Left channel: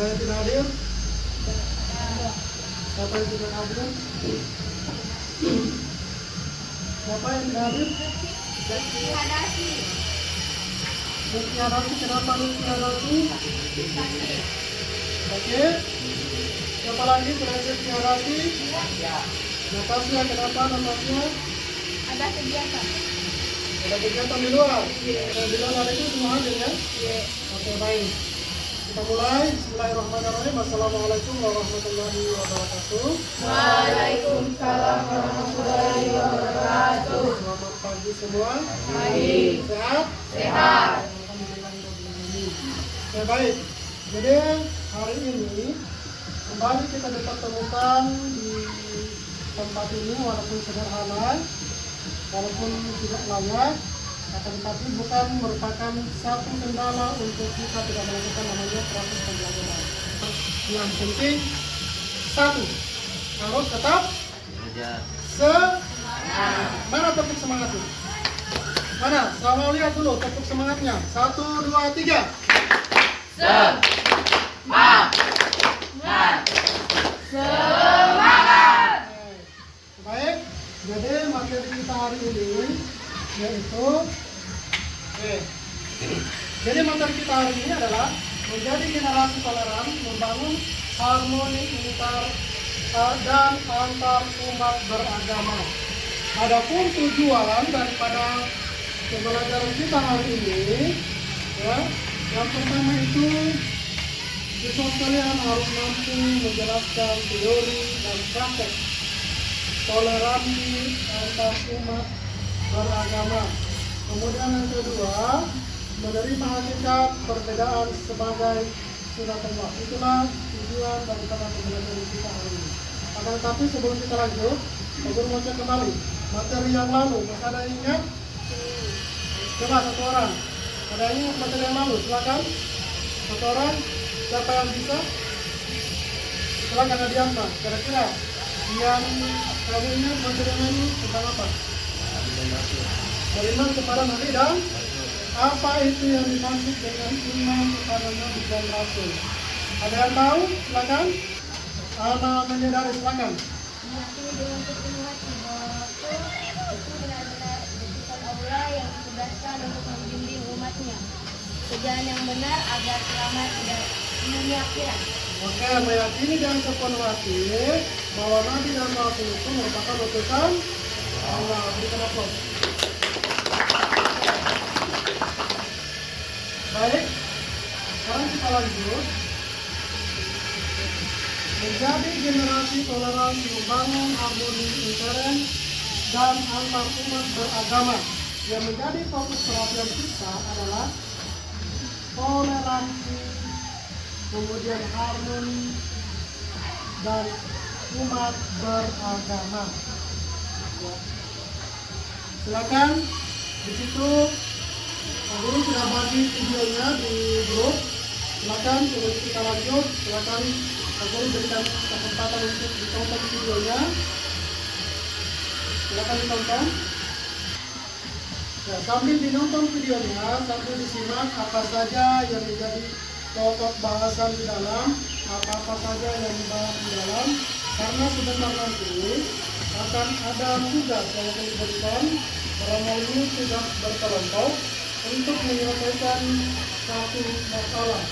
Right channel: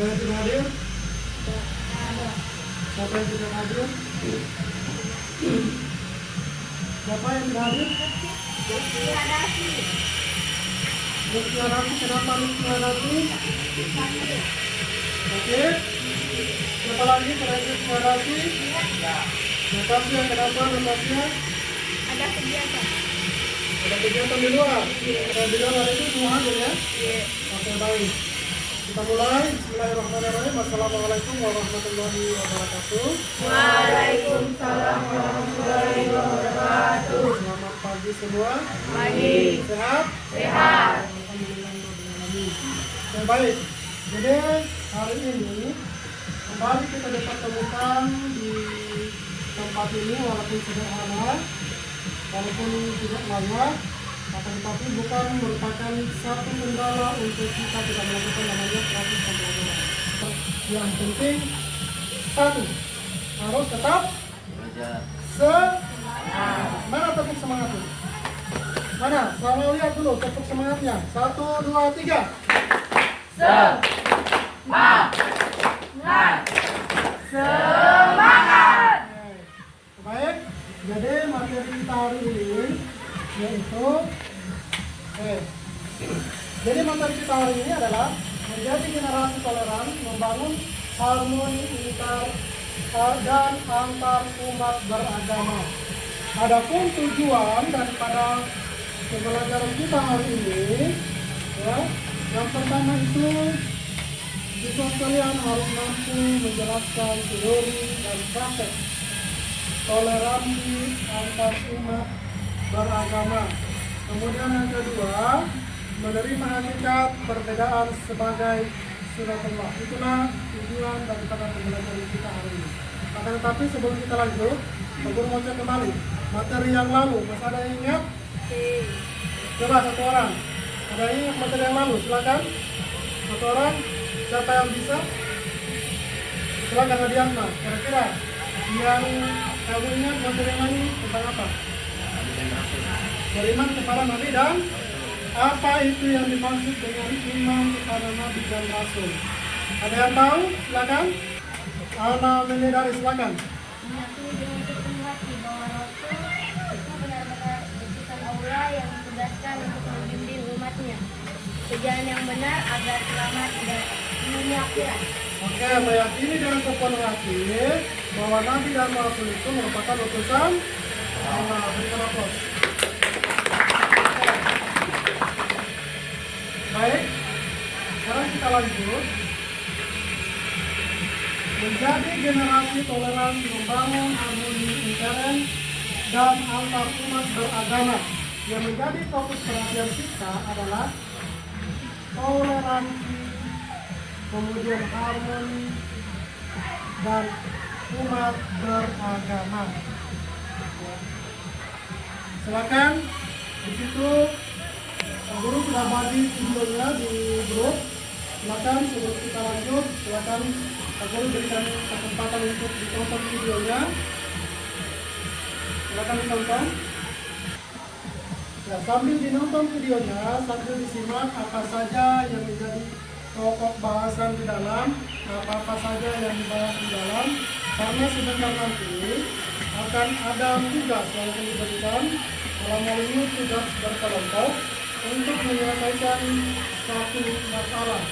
Ada yang tidak hadir? Siapa yang tidak hadir? Siapa yang tidak hadir? Lutfi Hadapi, kenapa Lutfi Hadapi? Oke. Siapa lagi selain Lutfi Hadapi? Natasha, kenapa Natasha? Ada kegiatan. Ada kegiatan di luar? Ada di luar itu semua hadir ya? Oke, baik. Kita mulai. Bismillahirrahmanirrahim. Assalamualaikum warahmatullahi wabarakatuh. Waalaikumsalam warahmatullahi wabarakatuh. Selamat pagi semua. Pagi. Sehat? Sehat. Alhamdulillahirrahmanirrahim. Oke, baik. Jadi hari ini kembali kita dipertemukan di tempat ini walaupun sederhana, walaupun tidak layak, akan tetapi bukan merupakan satu kendala untuk kita tidak melakukan namanya proses pembelajaran. Yang penting satu, harus tetap semangat. Mana tepuk semangatnya? Mana? Sama lihat dulu tepuk semangatnya. 1, 2, 3. Semangat. Baik, jadi materi kita hari ini yaitu jadi materi kita hari ini adalah menjadi generasi toleran, membangun harmoni dan antar umat beragama. Adapun tujuan daripada pembelajaran kita hari ini, ya, yang pertama itu siswa sekalian harus mampu menjelaskan teori dan praktek toleransi antar umat beragama. Kemudian yang kedua, menerima hakikat perbedaan sebagai sunatullah. Itulah tujuan daripada pembelajaran kita hari ini. Akan tetapi sebelum kita lanjut, Pak Guru mau cek kembali materi yang lalu. Masih ada yang ingat? Coba satu orang. Ada yang ingat materi yang lalu? Silakan. Satu orang. Siapa yang bisa? Silakan Adiatma. Kira-kira yang kamu ingat materi yang lalu tentang apa? Beriman kepada Nabi dan apa itu yang dimaksud dengan iman kepada Nabi dan Rasul? Ada yang tahu? Silakan. Ana menyadari, silakan. Meyakini dengan sepenuh hati bahwa Rasul itu benar-benar utusan Allah yang ditugaskan untuk membimbing umatnya ke jalan yang benar agar selamat di dunia akhirat. Oke, meyakini dengan sepenuh hati bahwa Nabi dan Rasul itu merupakan utusan Allah. Berikan aplaus. Baik, sekarang kita lanjut. Menjadi generasi toleransi, membangun harmoni intern dan antar umat beragama. Yang menjadi fokus perhatian kita adalah toleransi, kemudian harmoni dan umat beragama. Ya. Silakan di situ Pak Guru sudah bagi videonya di grup. Silakan sebelum kita lanjut, silakan Pak Guru berikan kesempatan untuk ditonton videonya. Silakan ditonton. Ya, sambil dinonton videonya, sambil disimak apa saja yang menjadi pokok bahasan di dalam, apa-apa saja yang dibahas di dalam, karena sebentar nanti akan ada tugas yang akan diberikan dalam hal ini tugas berkelompok untuk menyelesaikan satu masalah.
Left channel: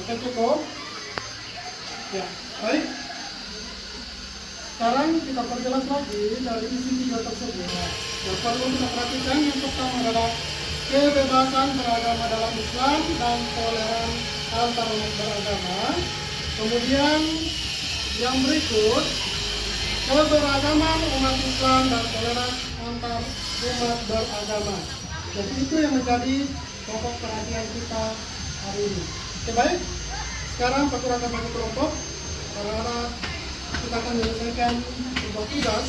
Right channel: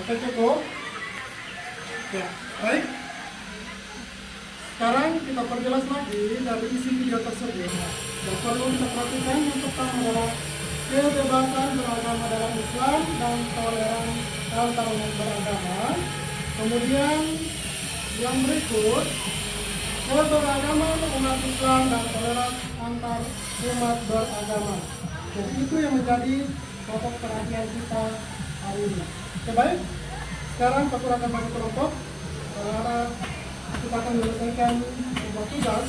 Oke, cukup? Ya, baik. Sekarang kita perjelas lagi dari isi video tersebut. Yang perlu kita perhatikan yang pertama adalah kebebasan beragama dalam Islam dan toleran antar umat beragama. Kemudian yang berikut, keberagaman umat Islam dan toleran antar umat beragama. Jadi itu yang menjadi pokok perhatian kita hari ini. Oke, baik. Sekarang Pak Guru akan bagi kelompok karena kita akan menyelesaikan sebuah tugas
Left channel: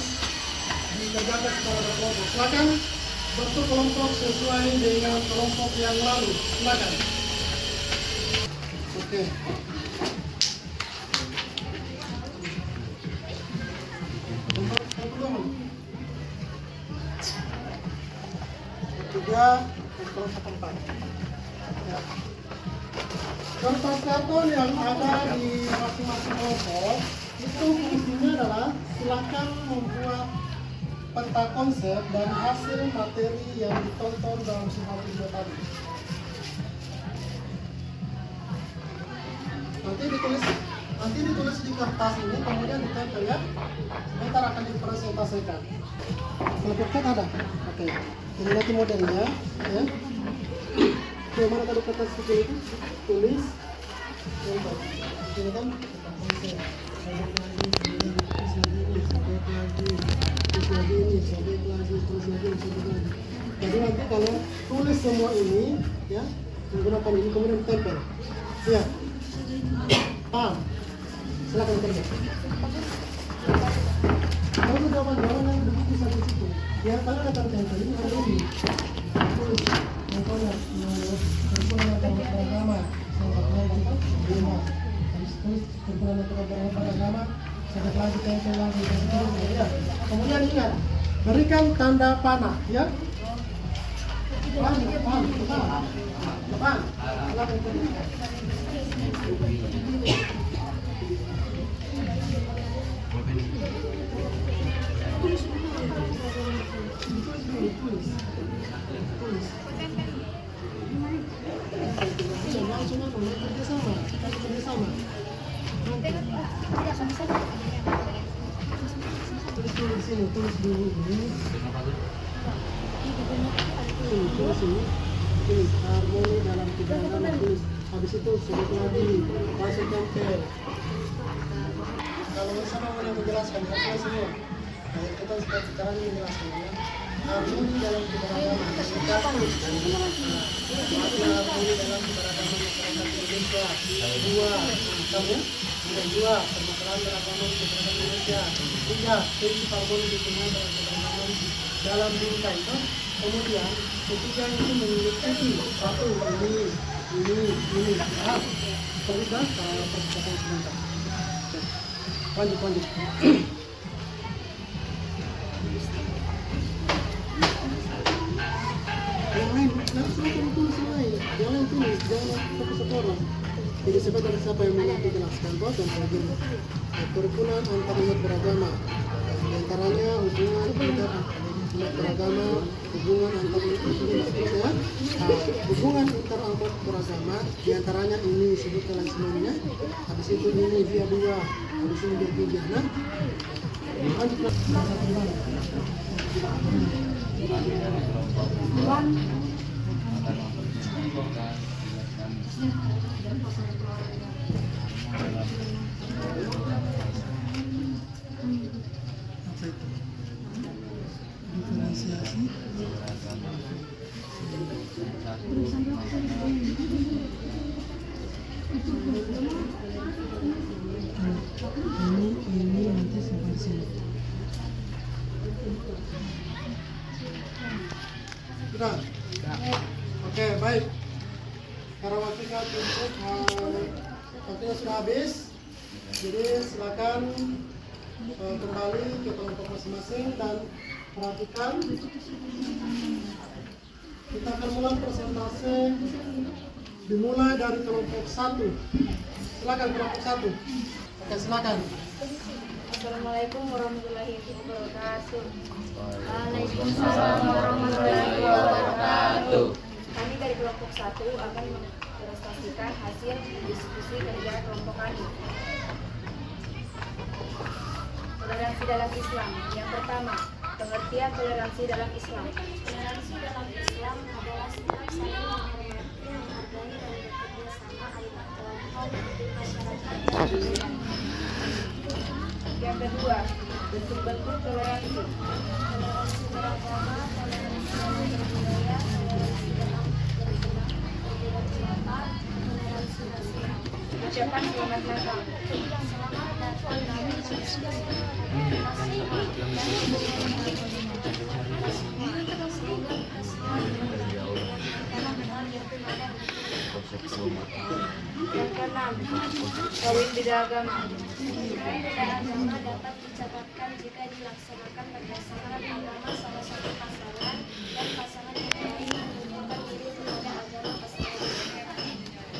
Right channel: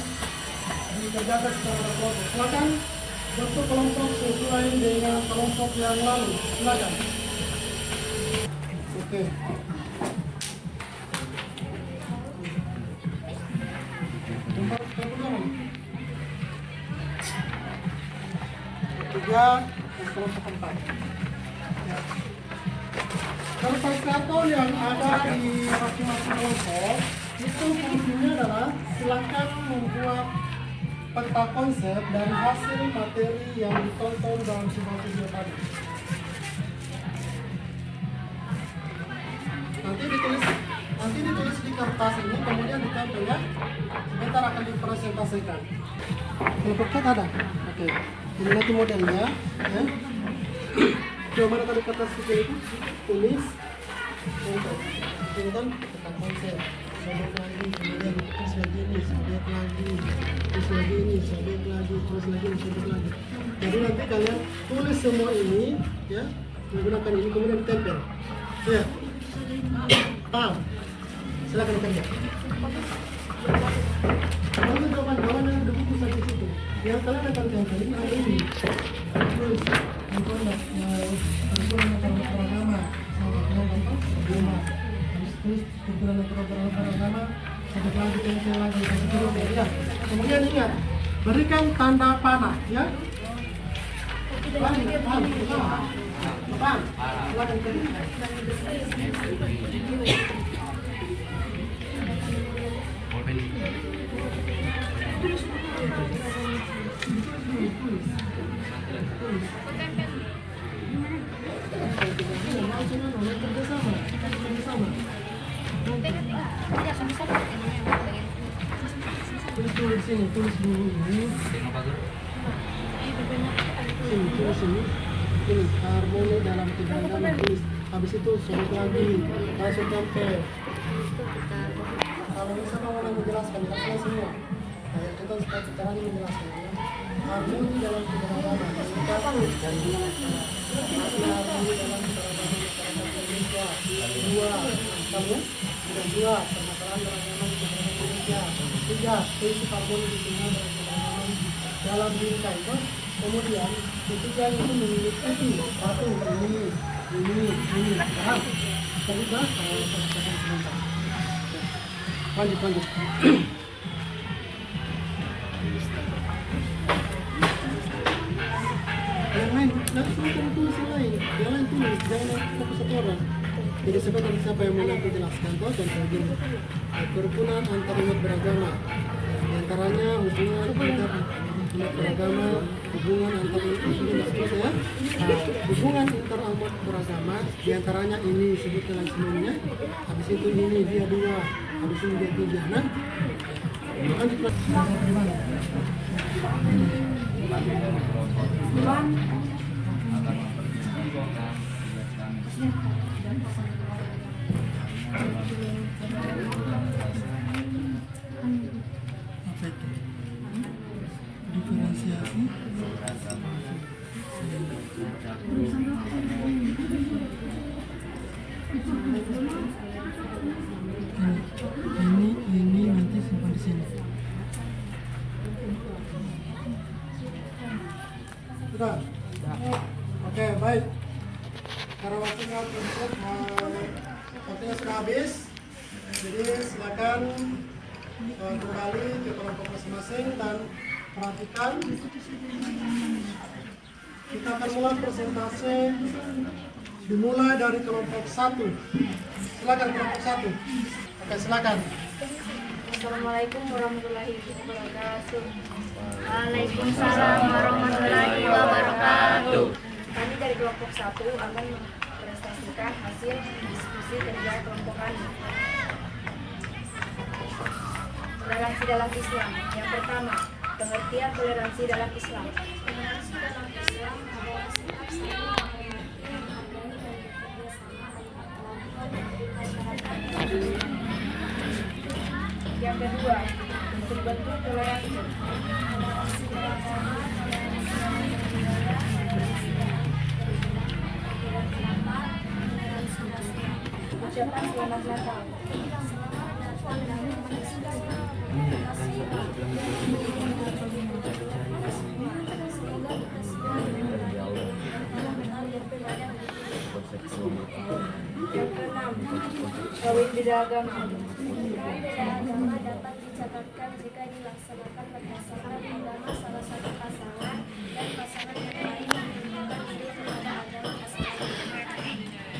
dikerjakan secara berkelompok. Silakan bentuk kelompok sesuai dengan kelompok yang lalu. Silakan. Oke. Ketiga, kelompok 4. Ya. Kertas karton yang ada di masing-masing kelompok itu fungsinya adalah silakan membuat peta konsep dari hasil materi yang ditonton dalam sebuah video tadi. Nanti ditulis di kertas ini, kemudian ditempel ya. Sebentar akan dipresentasikan. Kelompok 4 ada? Oke. Ini nanti modelnya ya. Coba mana tadi kertas kecil itu? Tulis. Contoh. Ini kan peta konsep. Sobek lagi, kemudian terus lagi ini, sobek lagi, terus lagi ini, sobek lagi, terus lagi ini, sobek lagi. Jadi nanti kalian tulis semua ini ya, menggunakan ini kemudian ditempel. Ya. Paham? Silakan kerja. Kalau jawaban yang ada buku sampai situ, yang kalian akan tempel ini ada ini. Tulis, contohnya, perhimpunan beragama, habis terus perhimpunan beragama, sampai lagi tempel lagi, ya. Kemudian ingat, berikan tanda panah, ya. Paham. Silakan kerja. Tulis sini, tulis dulu ini. Tulis ini harmoni dalam keberagaman, tulis. Habis itu sobek lagi, langsung tempel. Kalau misalnya mau menjelaskan, jelaskan semua. Kayak kita sekarang menjelaskan ya. Harmoni dalam keberagaman, kita tulis dari harmoni dalam keberagaman masyarakat Indonesia. 2, kamu kemudian 2, permasalahan beragama keberagaman Indonesia. 3, prinsip harmoni di tengah beragama dalam bingkai itu. Kemudian ketiga itu mengikuti 1 ini. Paham? Kita perhatikan sebentar. Lanjut. Yang lain, silakan tulis yang lain. Yang lain tulis, jangan fokus satu orang. Jadi sebenarnya siapa yang mau nanti jelaskan kok contoh begini. Kerukunan antar umat beragama. Di antaranya hubungan antar umat beragama, hubungan antar ya. Hubungan antar umat beragama, di antaranya ini sebut dalam semuanya. Habis itu ini dia 2, habis ini dia 3. Nah, lanjut bahasa gimana? Apa itu? Diferensiasi. Ini nanti simpan di sini. Sudah? Oke, baik. Karena waktunya cukup, waktunya sudah habis. Jadi silakan kembali ke kelompok masing-masing dan perhatikan. Kita akan mulai presentasi dimulai dari kelompok 1. Silakan kelompok 1. Oke, silakan. Assalamualaikum warahmatullahi wabarakatuh. Waalaikumsalam warahmatullahi wabarakatuh. Kami dari kelompok 1 akan mempresentasikan hasil diskusi kerja kelompok kami. Toleransi dalam Islam. Yang pertama, pengertian toleransi dalam Islam. Toleransi dalam Islam adalah sikap saling menghormati, menghargai dan bekerja sama antar kelompok di masyarakat dan budaya. Yang kedua, bentuk-bentuk toleransi. Toleransi beragama, toleransi dalam berbudaya, toleransi dalam berbeda pendapat, toleransi rasial. Ucapan selamat Natal. Selamat datang dari Yesus. Yang keenam, kawin beda agama. Kawin beda agama dapat dicatatkan jika dilaksanakan berdasarkan agama salah satu pasangan dan pasangan yang lain menunjukkan diri kepada agama pasangan.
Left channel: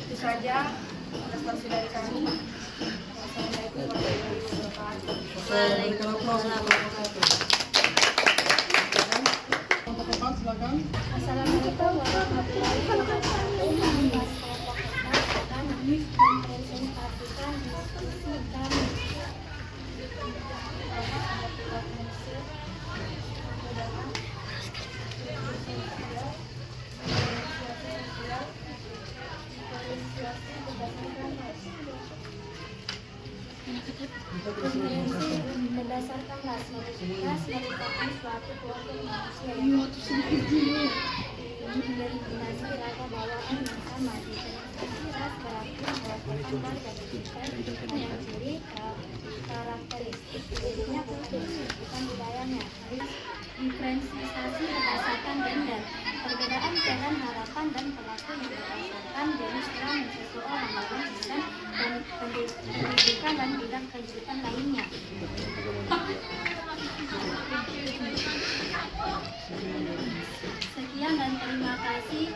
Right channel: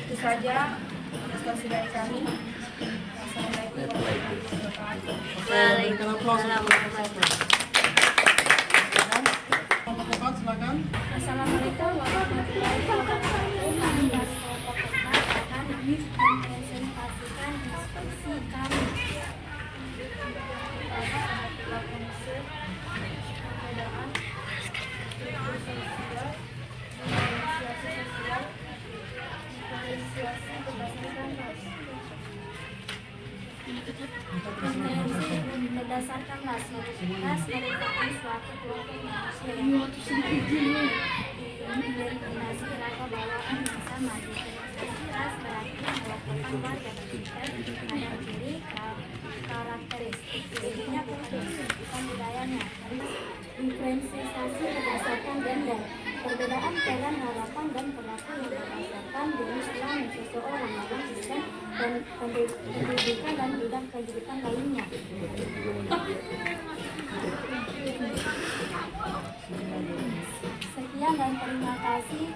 Itu saja prestasi dari kami. Wassalamualaikum warahmatullahi wabarakatuh. Berikan aplaus untuk kelompok 1. Kelompok 4 silakan. Assalamualaikum warahmatullahi wabarakatuh. Kami dari kelompok 4 akan mempresentasikan diskusi kami. Pertama ada tingkat prinsip, perbedaan, struktur sosial, diferensiasi sosial, diferensiasi berdasarkan ras. Diferensi berdasarkan ras merupakan suatu kelompok manusia yang diidentifikasi rasa bawaan yang sama. Diferensiasi ras berarti mengelompokkan warga berdasarkan ciri karakteristik dirinya bukan budayanya. Diferensiasi berdasarkan gender, perbedaan peran harapan dan perilaku yang berdasarkan jenis kelamin seseorang, maupun sistem dan pendidikan dan bidang kehidupan lainnya. Sekian dan terima kasih.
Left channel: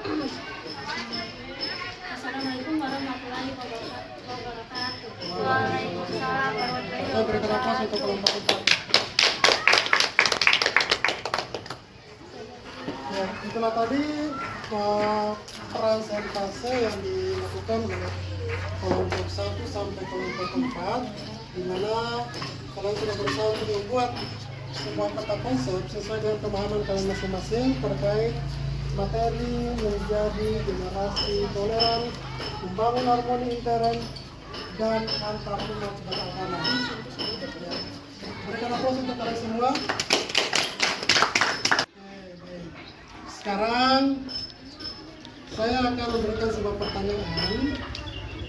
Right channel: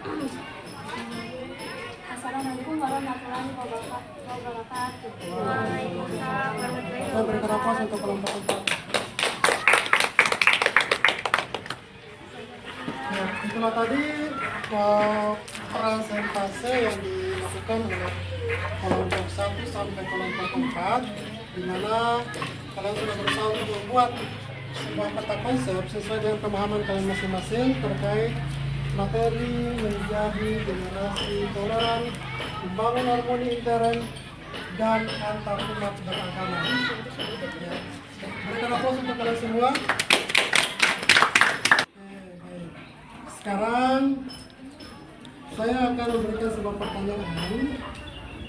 Assalamualaikum warahmatullahi wabarakatuh. Waalaikumsalam. Kita berikan aplaus untuk kelompok 4. Ya, itulah tadi presentase yang dilakukan oleh kelompok 1 sampai kelompok 4, di mana kalian sudah berusaha untuk membuat sebuah kata konsep sesuai dengan pemahaman kalian masing-masing terkait materi menjadi generasi toleran, membangun harmoni intern dan antar umat beragama. Ya. Berikan aplaus untuk kalian semua. Baik. Sekarang saya akan memberikan sebuah pertanyaan,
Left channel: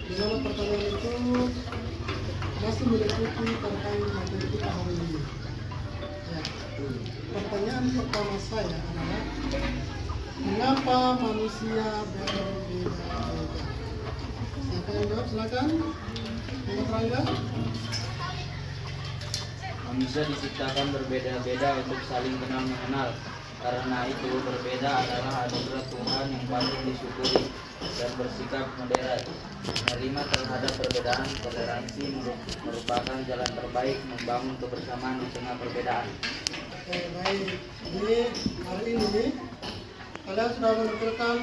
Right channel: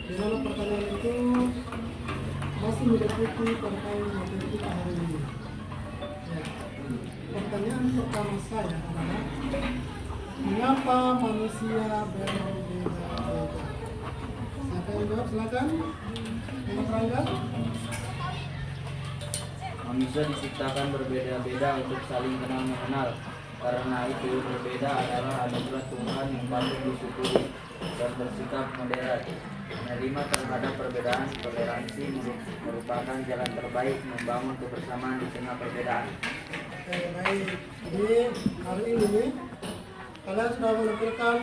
di mana pertanyaan itu masih meliputi terkait materi kita hari ini. Ya. Pertanyaan pertama saya adalah, mengapa manusia berbeda-beda? Siapa yang jawab? Silakan. Untuk Rangga. Manusia diciptakan berbeda-beda untuk saling kenal mengenal. Karena itu berbeda adalah anugerah Tuhan yang patut disyukuri dan bersikap moderat. Menerima terhadap perbedaan, toleransi merupakan jalan terbaik membangun kebersamaan di tengah perbedaan. Oke, baik. Jadi hari ini kalian sudah menampilkan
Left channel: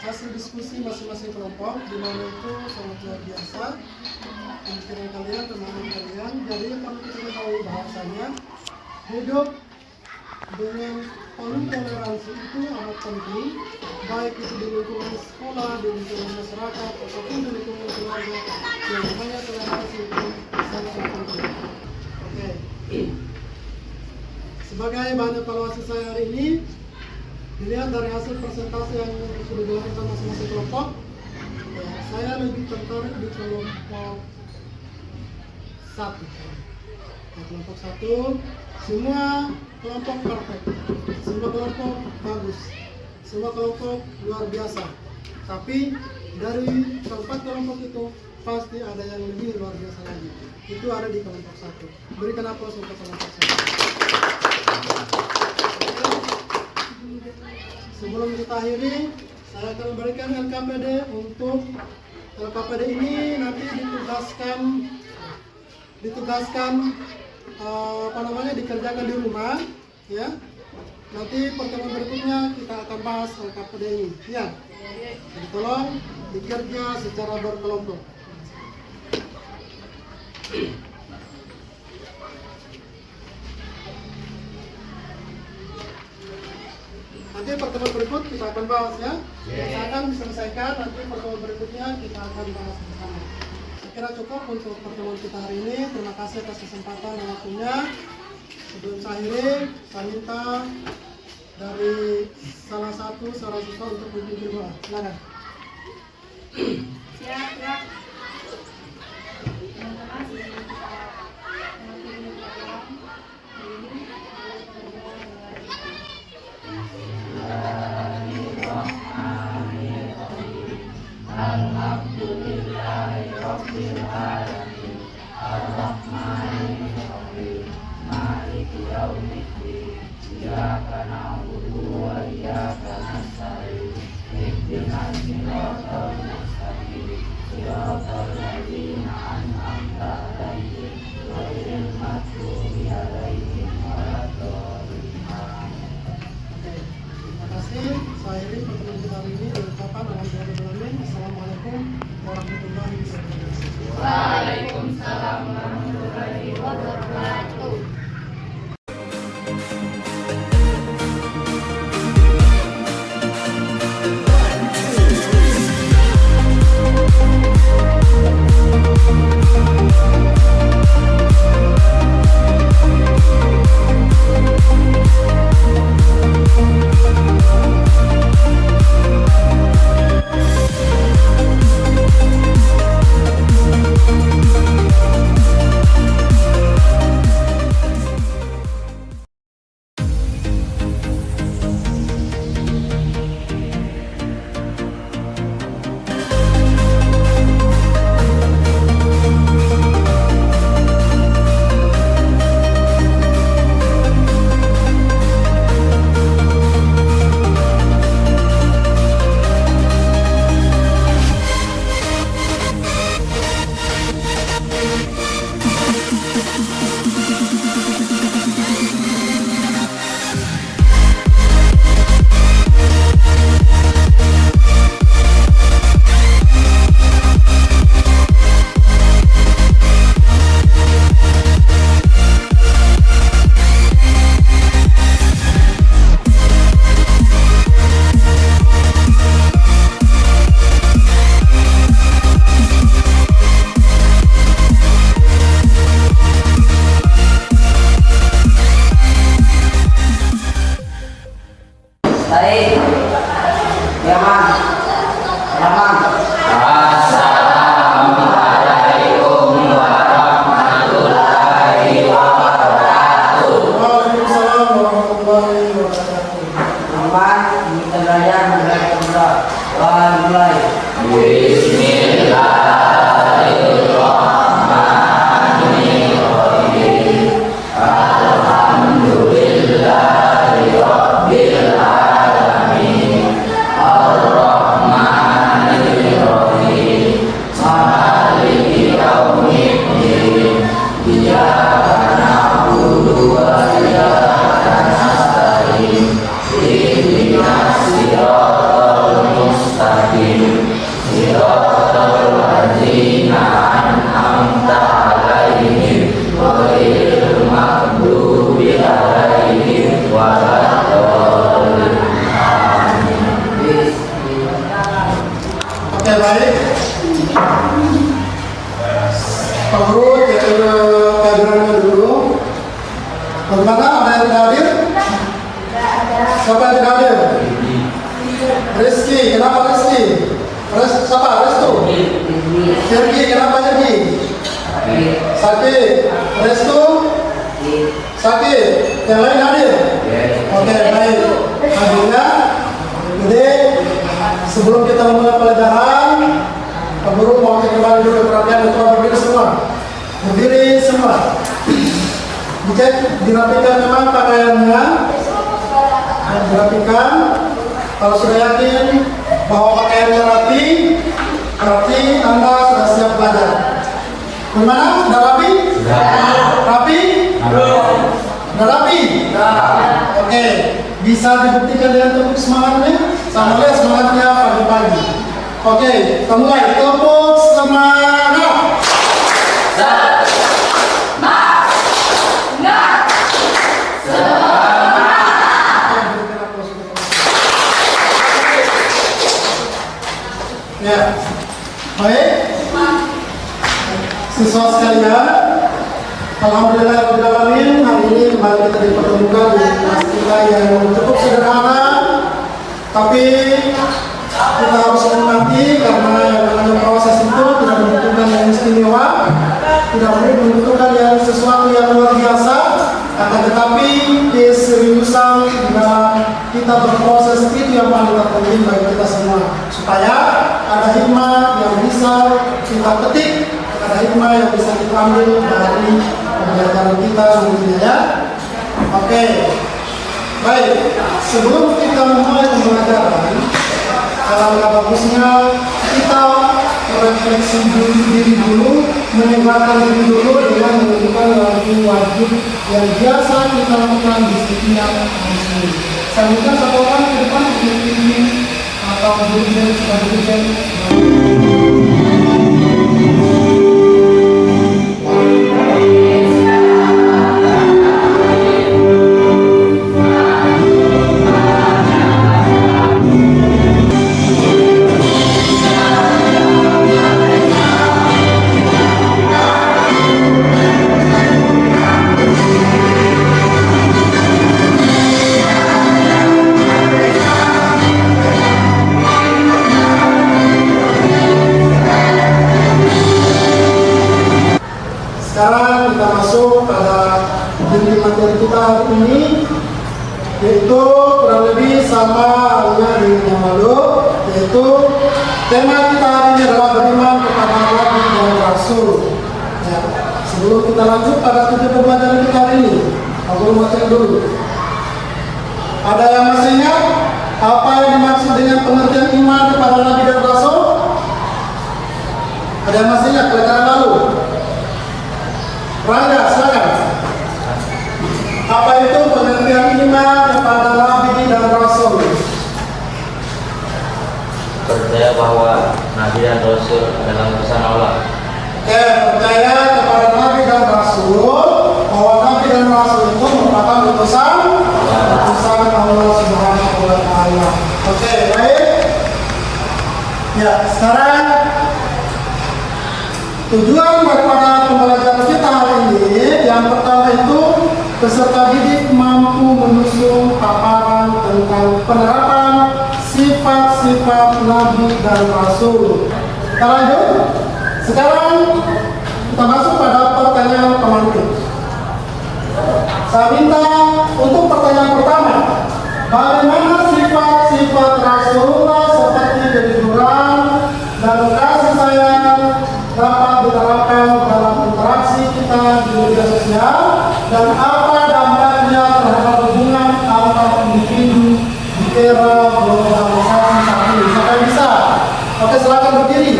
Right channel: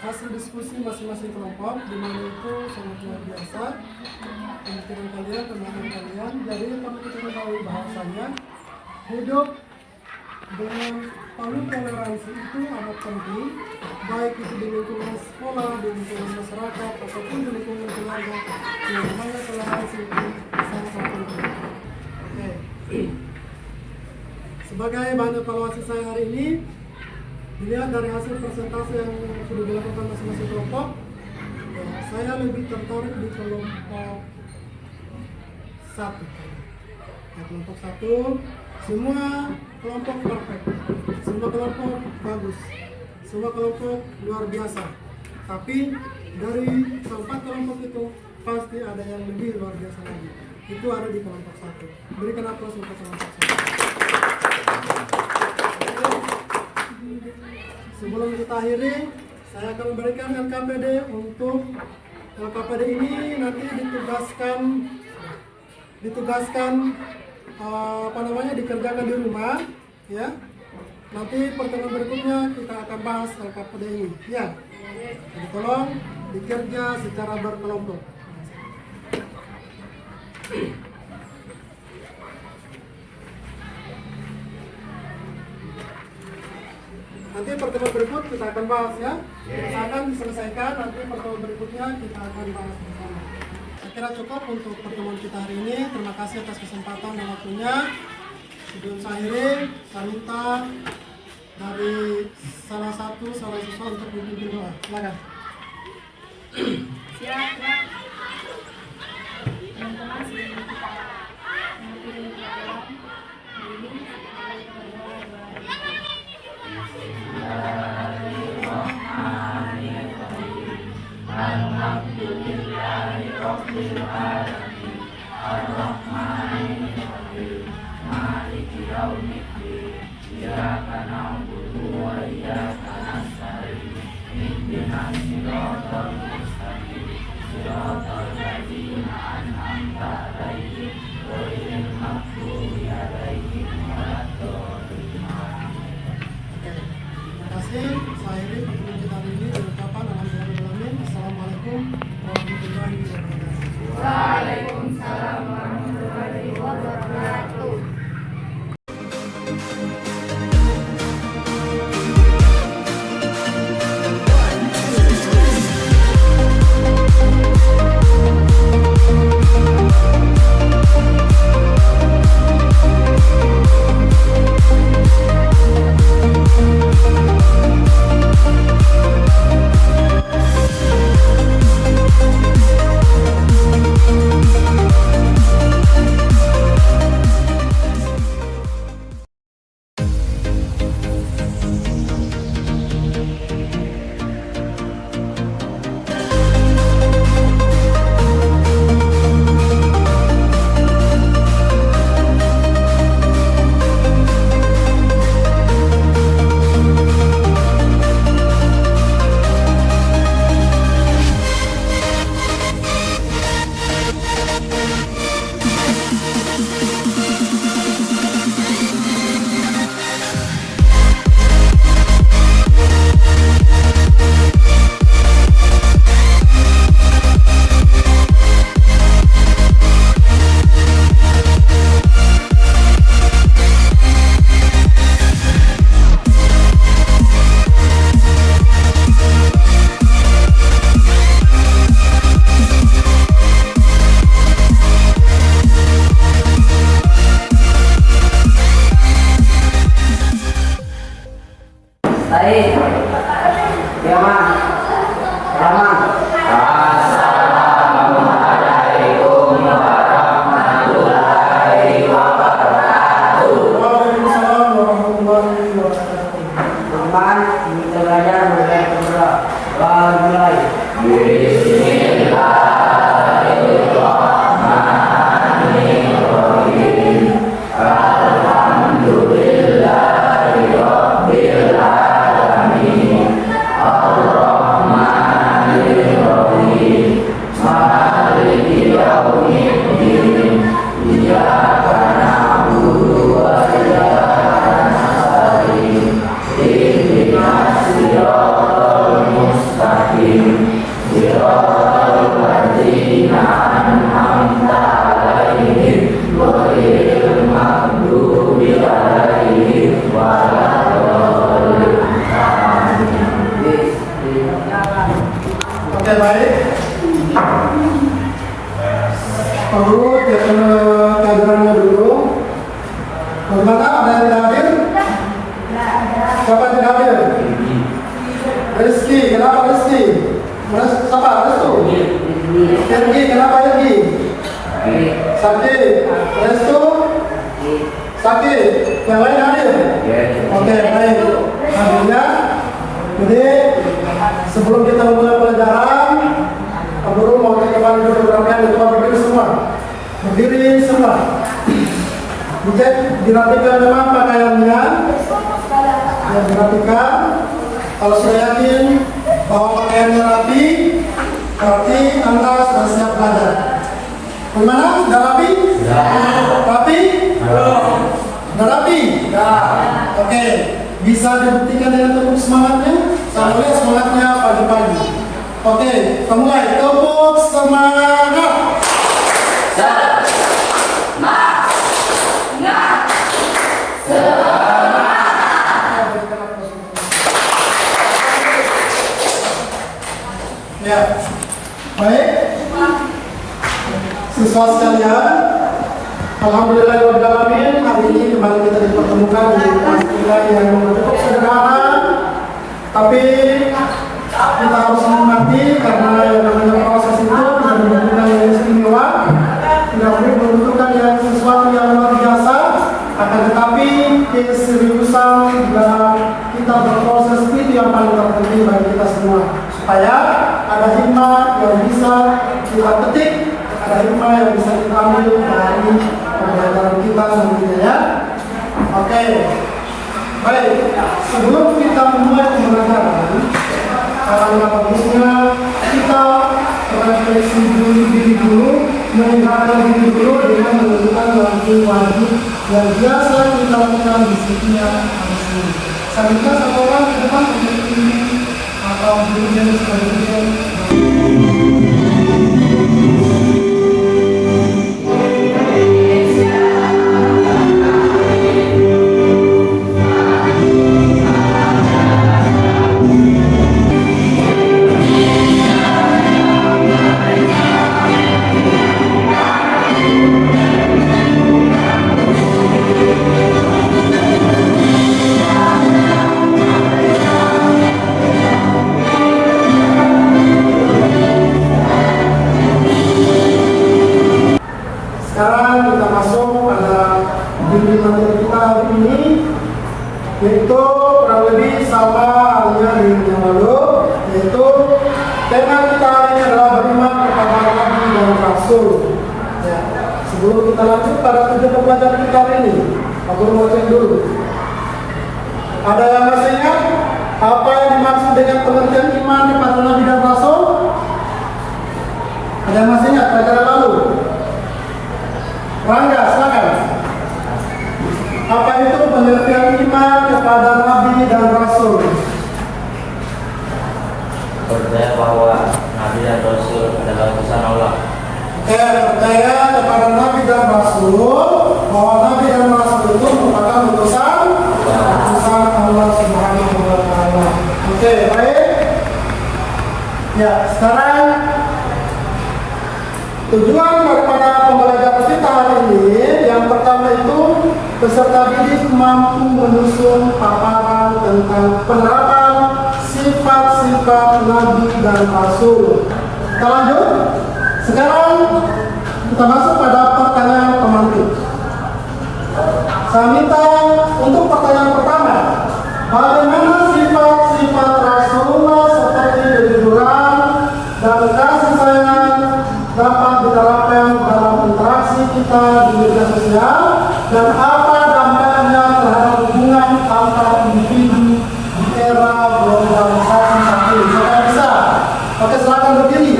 hasil diskusi masing-masing kelompok, di mana itu sangat luar biasa pemikiran kalian, pemahaman kalian. Jadi perlu kita ketahui bahwasanya hidup dengan penuh toleransi itu amat penting, baik itu di lingkungan sekolah, di lingkungan masyarakat, ataupun di lingkungan keluarga. Yang mana toleransi itu sangat penting. Oke. Sebagai bahan evaluasi saya hari ini, dilihat dari hasil presentasi yang sudah dilakukan masing-masing kelompok, ya, saya lebih tertarik di kelompok 1. Ya, kelompok 1, semua kelompok perfect, semua kelompok bagus, semua kelompok luar biasa. Tapi dari keempat kelompok itu pasti ada yang lebih luar biasa lagi. Itu ada di kelompok 1. Berikan aplaus untuk kelompok 1. Sebelum kita akhiri, saya akan memberikan LKPD. Untuk LKPD ini nanti ditugaskan dikerjakan di rumah, ya. Nanti pertemuan berikutnya kita akan bahas LKPD ini, ya. Jadi tolong dikerja secara berkelompok. Nanti pertemuan berikut kita akan bahas, ya. Saya akan diselesaikan, nanti pertemuan berikutnya kita akan bahas bersama. Saya kira cukup untuk pertemuan kita hari ini. Terima kasih atas kesempatan dan waktunya. Sebelum saya akhiri, saya minta dari salah siswa untuk memimpin doa. Silakan. Siap, siap. Teman-teman, sebelum kita mengakhiri pelajaran hari ini, kita berdoa. Rabbil Alamin Ar-Rahmanir Rahim Maliki Yaumiddin Iyyaka na'budu wa iyyaka nasta'in Ihdinas siratal mustaqim Siratal ladzina an'amta 'alaihim ghairil maghdubi 'alaihim waladdallin. Terima kasih. Saya ini pertemuan kita hari ini dengan ucapan alhamdulillah. Assalamualaikum warahmatullahi wabarakatuh. Waalaikumsalam warahmatullahi wabarakatuh. Baik, Yaman, Salaman. Assalamualaikum warahmatullahi wabarakatuh. Waalaikumsalam warahmatullahi wabarakatuh. Teman, kita belajar mulai berdoa. Mulai. Oke, baik. Pak Guru, kita pelajarannya dulu. Bagaimana, ada yang tidak hadir? Siapa yang tidak hadir? Rizky, kenapa Rizky? Siapa? Restu? Sergi, kenapa Sergi? Sakit. Restu? Sakit. Yang lain hadir? Oke, baik. Hadirnya. Jadi, sebelum kita memulai pelajaran, Pak Guru mau kembali dulu perhatian untuk berdiri semua. Berdiri semua. Dicek, dirapikan memang pakaiannya. Dan dirapikan. Kalau sudah yakin bahwa pakaiannya rapi, berarti Anda sudah siap belajar. Gimana? Sudah rapi? Rapi? Sudah rapi? Oke. Bisa dibuktikan dengan tepuk semangatnya? Sama lihat semangatnya pagi-pagi. Oke, kita mulai. Tepuk semangat. Ya, baik. Siswa sekalian, alhamdulillahirobbilalamin, hari ini kembali kita dipertemukan di kelas kita yang cukup sederhana, tapi kita harus mengerti karena yang namanya proses itu tidak membutuhkan yang istimewa, tidak membutuhkan yang sesuatu yang luar biasa, akan tetapi keseriusan dalam kita berproses itu yang paling terpenting bagi kita semua, supaya ada hikmah yang bisa kita petik, ada hikmah yang bisa kita ambil dari pembelajaran kita nantinya ya. Oke, baik. Sebelum kita memulai pembelajaran, alangkah bagusnya kita refleksi diri dulu, meninggalkan diri dulu dengan menentukan wajib-wajib yang biasa kita lakukan di setiap hari Senin. Saya minta satu orang ke depan untuk ini atau dirijen sebagai dirijen. Sekarang kita masuk pada inti materi kita hari ini, yaitu kurang lebih sama halnya di yang lalu, yaitu tema kita hari ini adalah beriman kepada Nabi dan Rasul. Ya. Sebelum kita lanjut pada tujuan pembelajaran kita hari ini, aku mau cek dulu. Ada yang masih ingat apa yang dimaksud dengan pengertian iman kepada Nabi dan Rasul? Ada yang masih ingat pelajaran lalu? Rangga, silakan. Apa itu pengertian iman kepada Nabi dan Rasul? Percaya bahwa Nabi dan Rasul adalah utusan Allah. Oke, percaya kepada Nabi dan Rasul bahwa Nabi dan Rasul itu merupakan utusan Allah Subhanahu wa Ta'ala. Oke, baik. Ya, sekarang tujuan daripada pembelajaran kita hari ini, yang pertama itu peserta didik mampu menusung paparan tentang penerapan sifat-sifat Nabi dan Rasul. Kita lanjut. Sekarang kita masuk pada pertanyaan pemantik. Saya minta untuk pertanyaan pertama, bagaimana sifat-sifat Rasulullah seperti kejujuran dan kasih sayang dapat diterapkan dalam interaksi kita di media sosial, dan apa dampaknya terhadap hubungan antara individu di era globalisasi saat ini? Siapa bisa? Oke, silakan berdiri.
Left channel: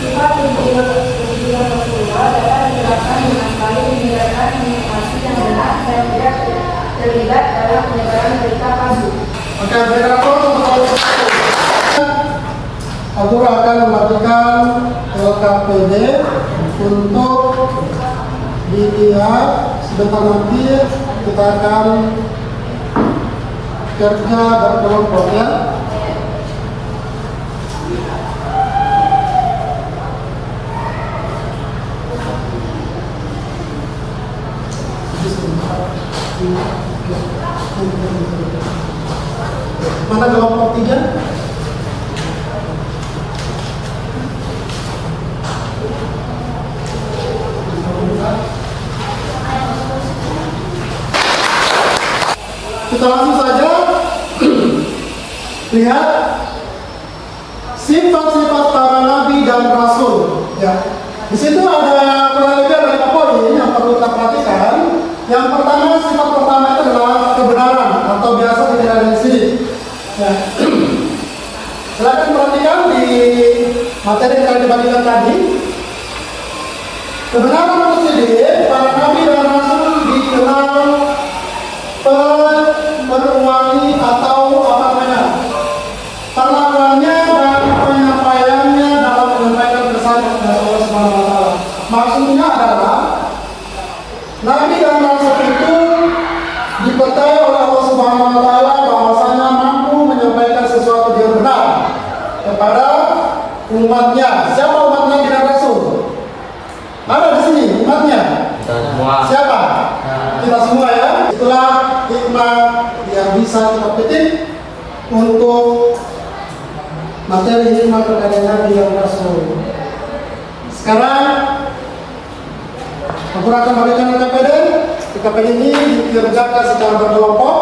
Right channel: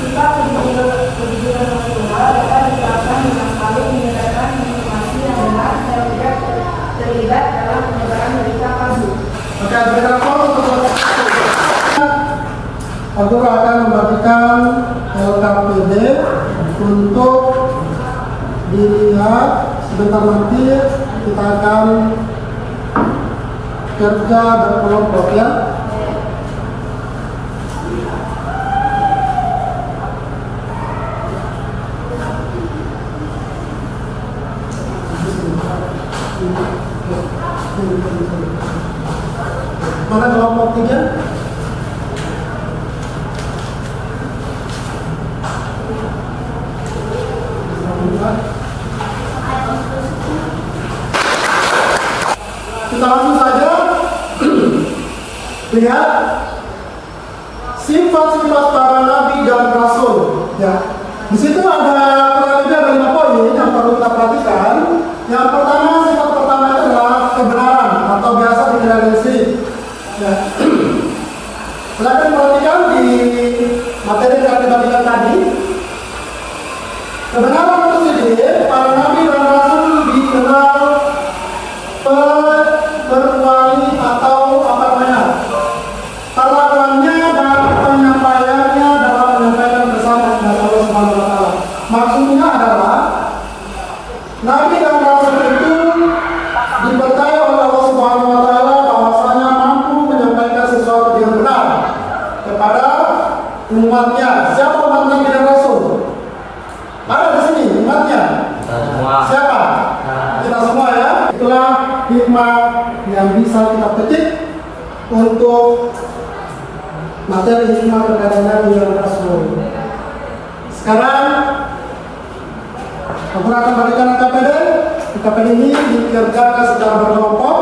Sifat kejujuran Rasulullah dapat diterapkan dengan baik menyebarkan informasi yang benar dan tidak terlibat dalam penyebaran berita palsu. Oke, Abdul akan mematikan LKPD untuk dilihat. Sebentar nanti kita akan kerja berkelompok ya. Mana kelompok 3? Kita langsung saja lihat sifat-sifat para nabi dan rasul. Ya, di situ ada kurang lebih ada 5 poin yang perlu kita perhatikan. Yang pertama, sifat pertama itu adalah kebenaran atau biasa dikenal dengan sidik. Ya. Silakan perhatikan di materi yang dibagikan tadi. Kebenaran itu sendiri, para nabi dan rasul dikenal berwali atau apa namanya, perlakuannya dan penyampaiannya dalam menyampaikan pesan kepada Allah Subhanahu wa Ta'ala. Maksudnya adalah nabi dan rasul itu dipercaya oleh Allah Subhanahu wa Ta'ala bahwasanya mampu menyampaikan sesuatu yang benar kepada umatnya. Siapa umat nabi dan rasul? Ada di sini umatnya. Siapa? Kita semua ya. Itulah hikmah yang bisa kita petik untuk materi hikmah kepada Nabi dan Rasul. Sekarang aku akan berikan KPD. KPD ini dikerjakan secara berkelompok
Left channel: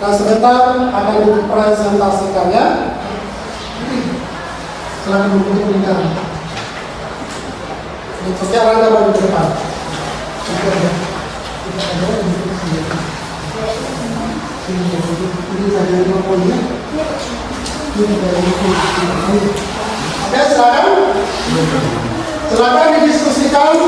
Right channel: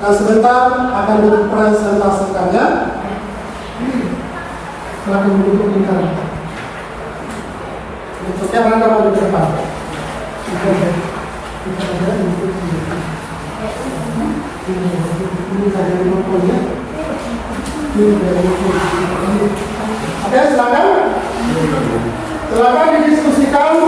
dan sebentar akan dipresentasikan ya. Silakan duduk di sana. Sekarang kamu di depan. Ini saja mikrofonnya. Oke, silakan. Silakan didiskusikan.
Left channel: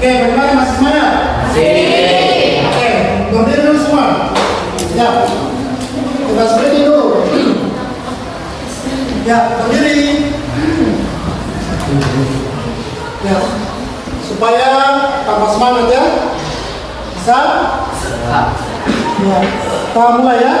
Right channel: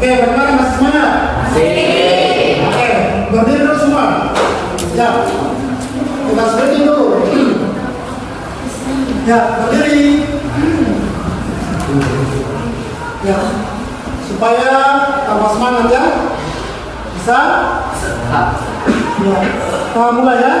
Oke, bagaimana masih semuanya? Oke, berdiri dulu semua. Ya, kita berdiri dulu. Ya, berdiri. Ya, supaya tambah semangat ya. Bisa? Ya, kita mulai ya.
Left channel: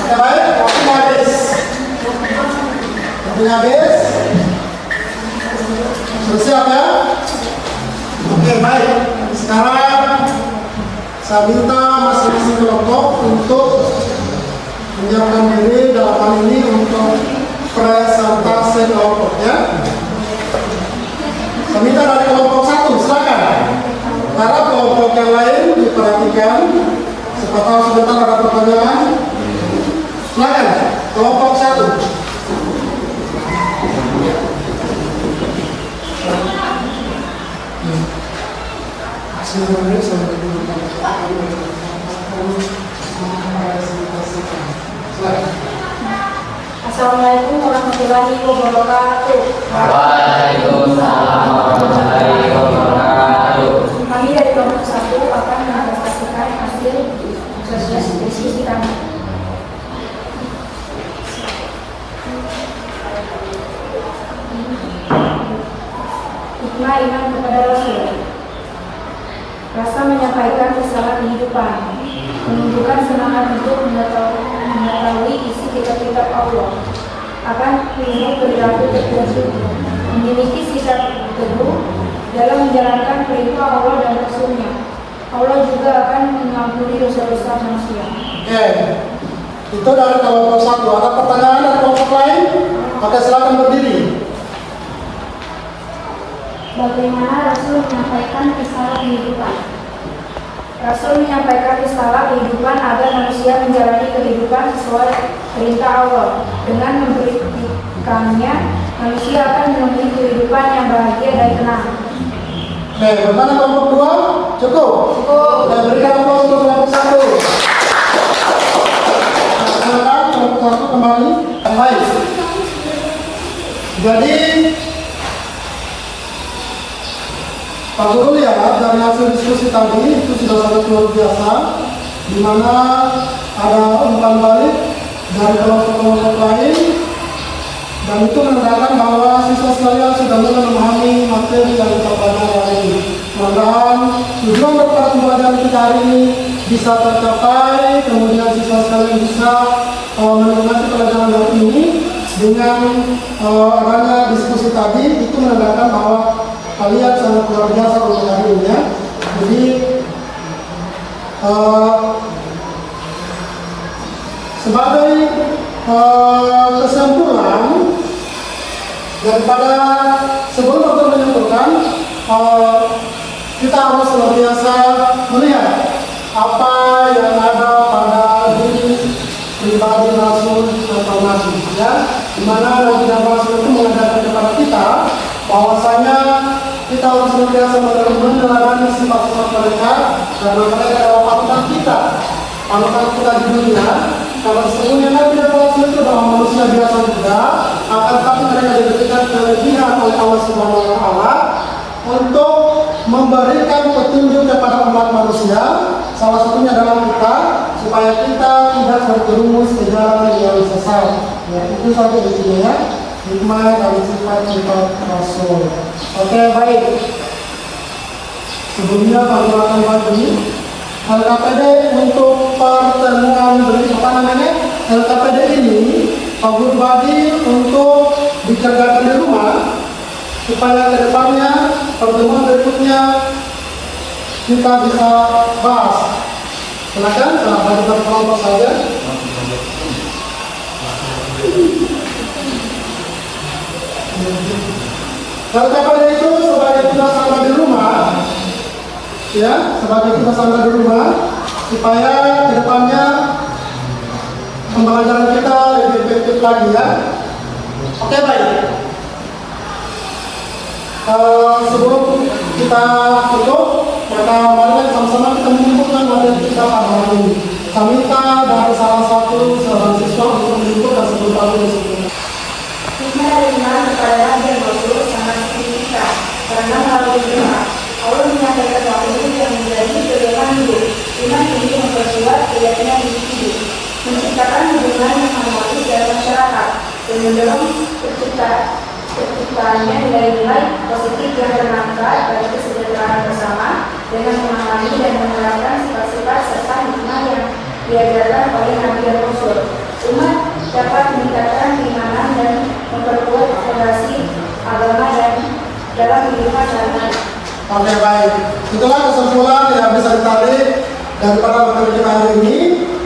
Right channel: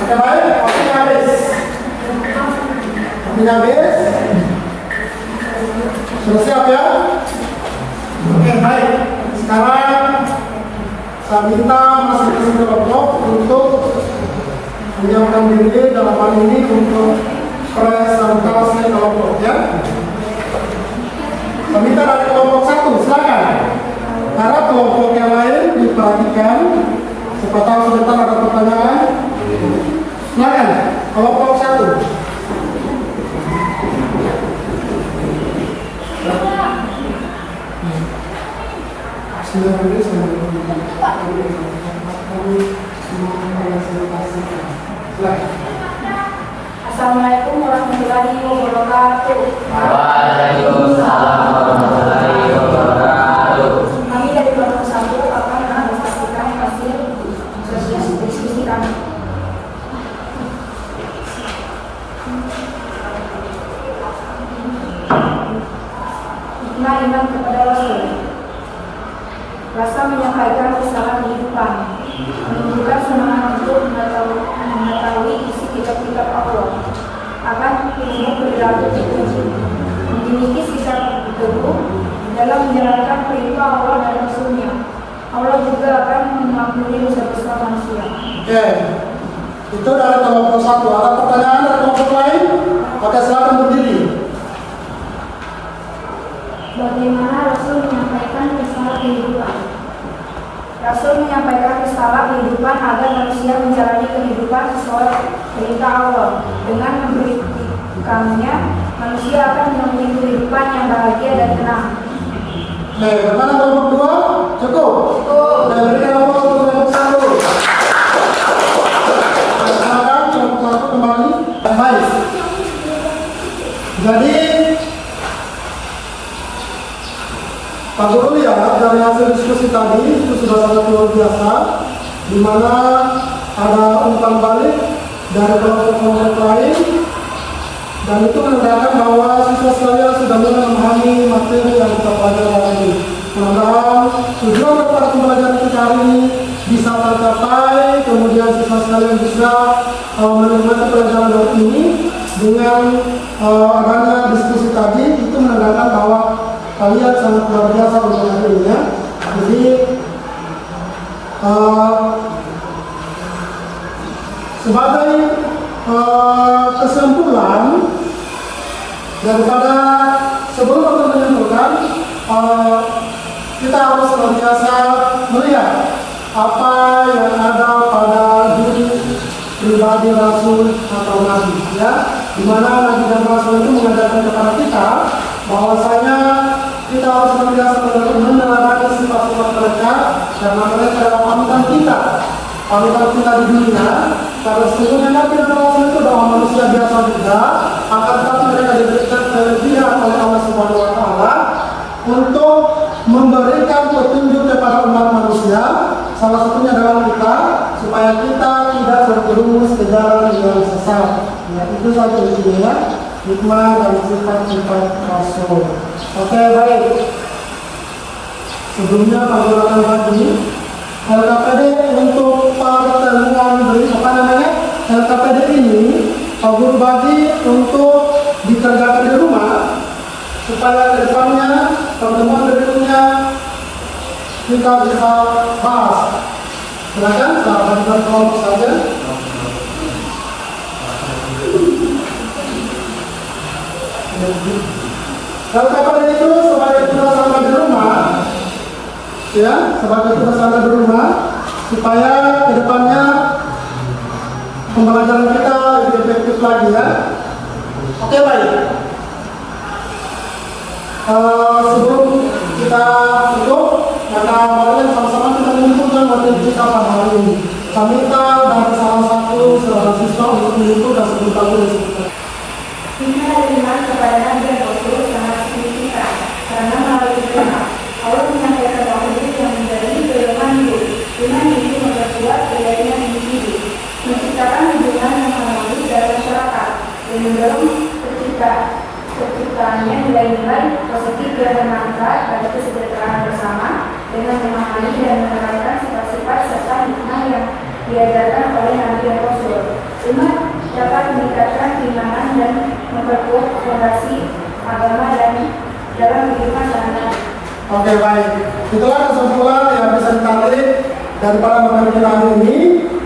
Oke, baik, waktu habis. Waktu habis. Sudah siap ya? Oke, baik. Sekarang saya minta masing-masing kelompok untuk menyiapkan diri dalam hal ini untuk presentasi kelompok ya. Saya minta dari kelompok 1, silakan. Harap kelompok yang lain diperhatikan. Siapa tahu sebentar ada pertanyaan. Silakan, kelompok 1. Assalamualaikum warahmatullahi wabarakatuh. Waalaikumsalam warahmatullahi wabarakatuh. Kami dari kelompok 1 akan menyampaikan hasil diskusi kami. Hikmah iman kepada Rasul. Rasa menyampaikan risalah kehidupan, menunjukkan semangat untuk mengetahui isi kitab-kitab Allah, akan ilmu perilaku tertentu, memiliki sikap teguh dalam menjalankan perintah Allah dan Rasul-Nya. Allah juga akan mengampuni dosa-dosa manusia. Oke, itu dari kelompok 1. Ada pertanyaan dari kelompok lain? Oke, silakan berdiri. Bagaimana Rasul menyampaikan risalah kehidupan? Rasul menyampaikan risalah kehidupan agar manusia menjalani kehidupan sesuai perintah Allah. Dengan memberikannya, manusia akan menempuh kehidupan yang bahagia dan tenang. Oke, bagaimana kelompok 2? Cukup? Cukup. Dan berikan aplaus untuk kelompok 1. Silakan kelompok 1 kembali. Baik. Jadi Pak Guru lihat dari hasil diskusi tadi itu sudah sangat luar biasa, di mana ada umpan balik dari kelompok-kelompok lain, dan itu menandakan bahwa siswa sekalian sudah mulai memahami materi yang kita pelajari hari ini. Mudah-mudahan tujuan daripada pembelajaran kita hari ini bisa tercapai, kemudian siswa sekalian bisa menikmati pelajaran hari ini dengan adanya diskusi tadi. Itu menandakan bahwa kalian sangat luar biasa untuk hari ini ya. Jadi sebagai kesimpulan daripada sebelum kita menyimpulkan, kita harus senantiasa melihat apa yang ada pada diri pribadi Rasul atau Nabi ya, di mana Nabi dan Rasul itu mengajarkan kepada kita bahwasanya kita harus senantiasa menerapkan sifat-sifat mereka, karena mereka adalah panutan kita di dunia. Karena sesungguhnya Nabi dan Rasul itu adalah manusia biasa juga, akan tetapi mereka diberikan kelebihan oleh Allah Subhanahu Wa Taala untuk memberikan petunjuk kepada umat manusia. Salah satunya adalah kita, supaya kita tidak terjerumus ke jalan yang sesat. Ya, itu saja intinya ya. Hikmah dan sifat-sifat Rasul. Oke, baik. Sebelumnya perkenalkan lagi LKPD untuk pertemuan LKPD ini Pak Guru bagi untuk dikerjakan di rumah supaya kedepannya pertemuan berikutnya kita bisa bahas. Silakan, dari kelompok saja. LKPD itu sebagai tugas sampai di rumah, ya, sebagai tugas sampai di rumah, supaya kedepannya pembelajaran kita lebih efektif lagi ya. Oke, baik. Sebelum kita tutup, maka mari sama-sama kita mengumpulkan materi kita pada hari ini. Kami minta dari salah satu seorang siswa untuk mengumpulkan sebentar dulu. Hikmah iman kepada Nabi dan Rasul sangat signifikan, karena melalui iman Allah menyampaikan dahulu yang menjadi pedoman hidup. Iman ini memperkuat keyakinan individu, menciptakan hubungan yang harmonis dalam masyarakat, dan mendorong terciptanya nilai-nilai positif yang bermanfaat bagi kesejahteraan bersama, dengan memahami dan menerapkan sifat-sifat serta hikmah yang diajarkan oleh Nabi dan Rasul. Iman dapat meningkatkan keimanan dan memperkuat fondasi agama dan dalam kehidupan sehari-hari. Oke, baik. Itulah kesimpulan yang bisa ditarik daripada materi kita hari ini,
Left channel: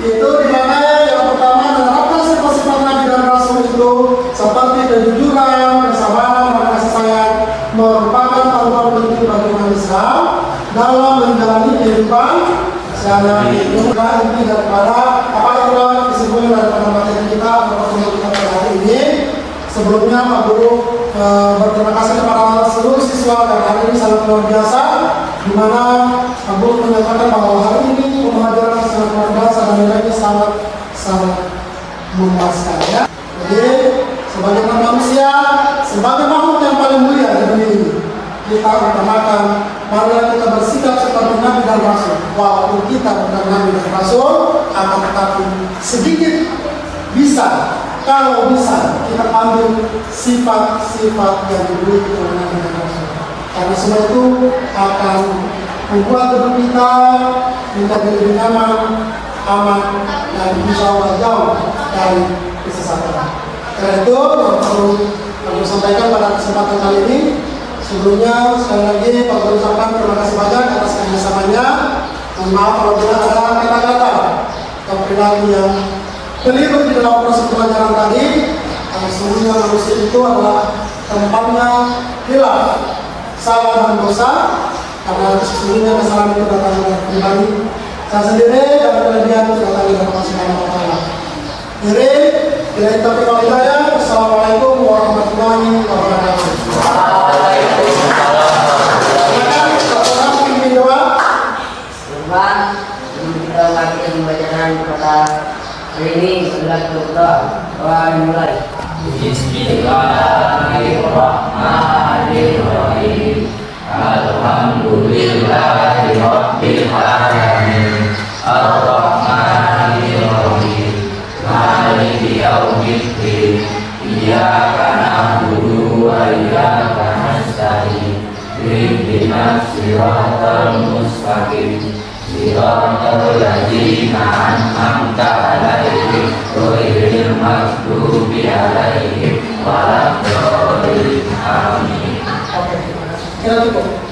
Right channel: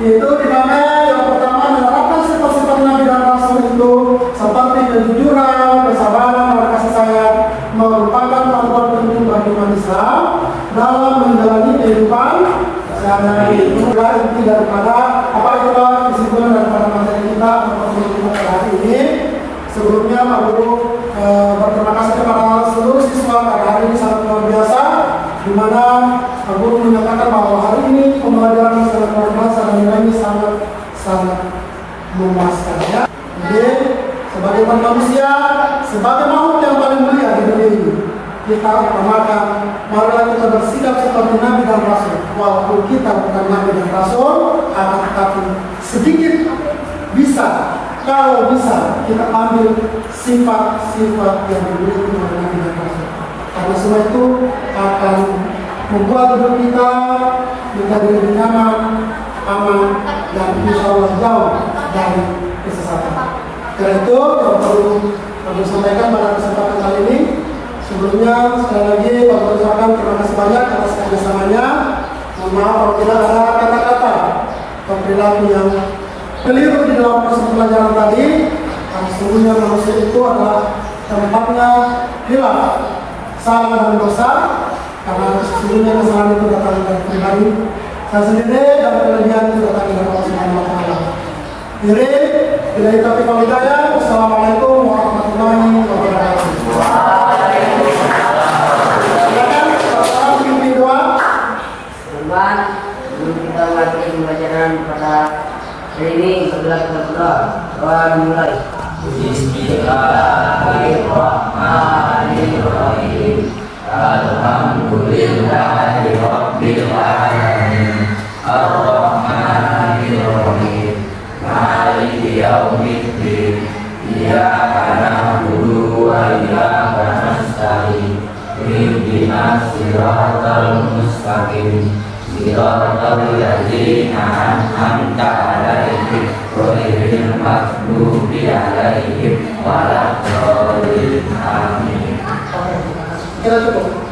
yaitu di mana yang pertama adalah dan Rasul itu seperti kejujuran, kesabaran, dan kasih sayang merupakan panduan penting bagi umat Islam dalam menjalani kehidupan sehari-hari. Itulah inti daripada itulah kesimpulan daripada materi kita untuk kita pada hari ini. Sebelumnya Pak Guru berterima kasih kepada seluruh siswa karena hari ini sangat luar biasa, di mana Pak Guru menyatakan bahwa hari ini pembelajaran secara berbahasa dan nilainya sangat memuaskan ya. Jadi sebagai manusia, sebagai makhluk yang paling mulia di dunia ini, kita utamakan marilah kita bersikap seperti Nabi dan Rasul. Walaupun kita bukan Nabi dan Rasul, akan tetapi sedikit bisa, kalau bisa kita ambil sifat-sifat yang dimiliki oleh Nabi dan Rasul. Karena semua itu akan membuat hidup kita menjadi lebih nyaman, aman, dan insya Allah jauh dari kesesatan. Karena itu yang perlu kami sampaikan pada kesempatan kali ini. Sebelumnya sekali lagi kami ucapkan terima kasih banyak atas kerjasamanya. Mohon maaf apabila ada kata-kata atau perilaku yang keliru di dalam proses pelajaran tadi. Karena sesungguhnya manusia itu adalah tempatnya hilaf, salah dan dosa. Karena itu sesungguhnya kesalahan itu datang dari pribadi saya sendiri dan kelebihan itu datang dari Allah Subhanahu wa Ta'ala. Jadi, bila itu kalau saya, Assalamualaikum warahmatullahi wabarakatuh. Silakan, saudara pimpin doa. Korban, sebelum kita mulai pembelajaran pada hari ini, segera kita berdoa. Doa dimulai. Bismillahirrahmanirrahim. Alhamdulillahirabbil alamin. Ar-Rahmanir-Rahim. Maliki yaumiddin. Iyyaka na'budu wa iyyaka nasta'in. Ihdinas siratal mustaqim. Siratal ladzina an'amta 'alaihim ghairil maghdubi 'alaihim waladdallin. Amin. Kira cukup.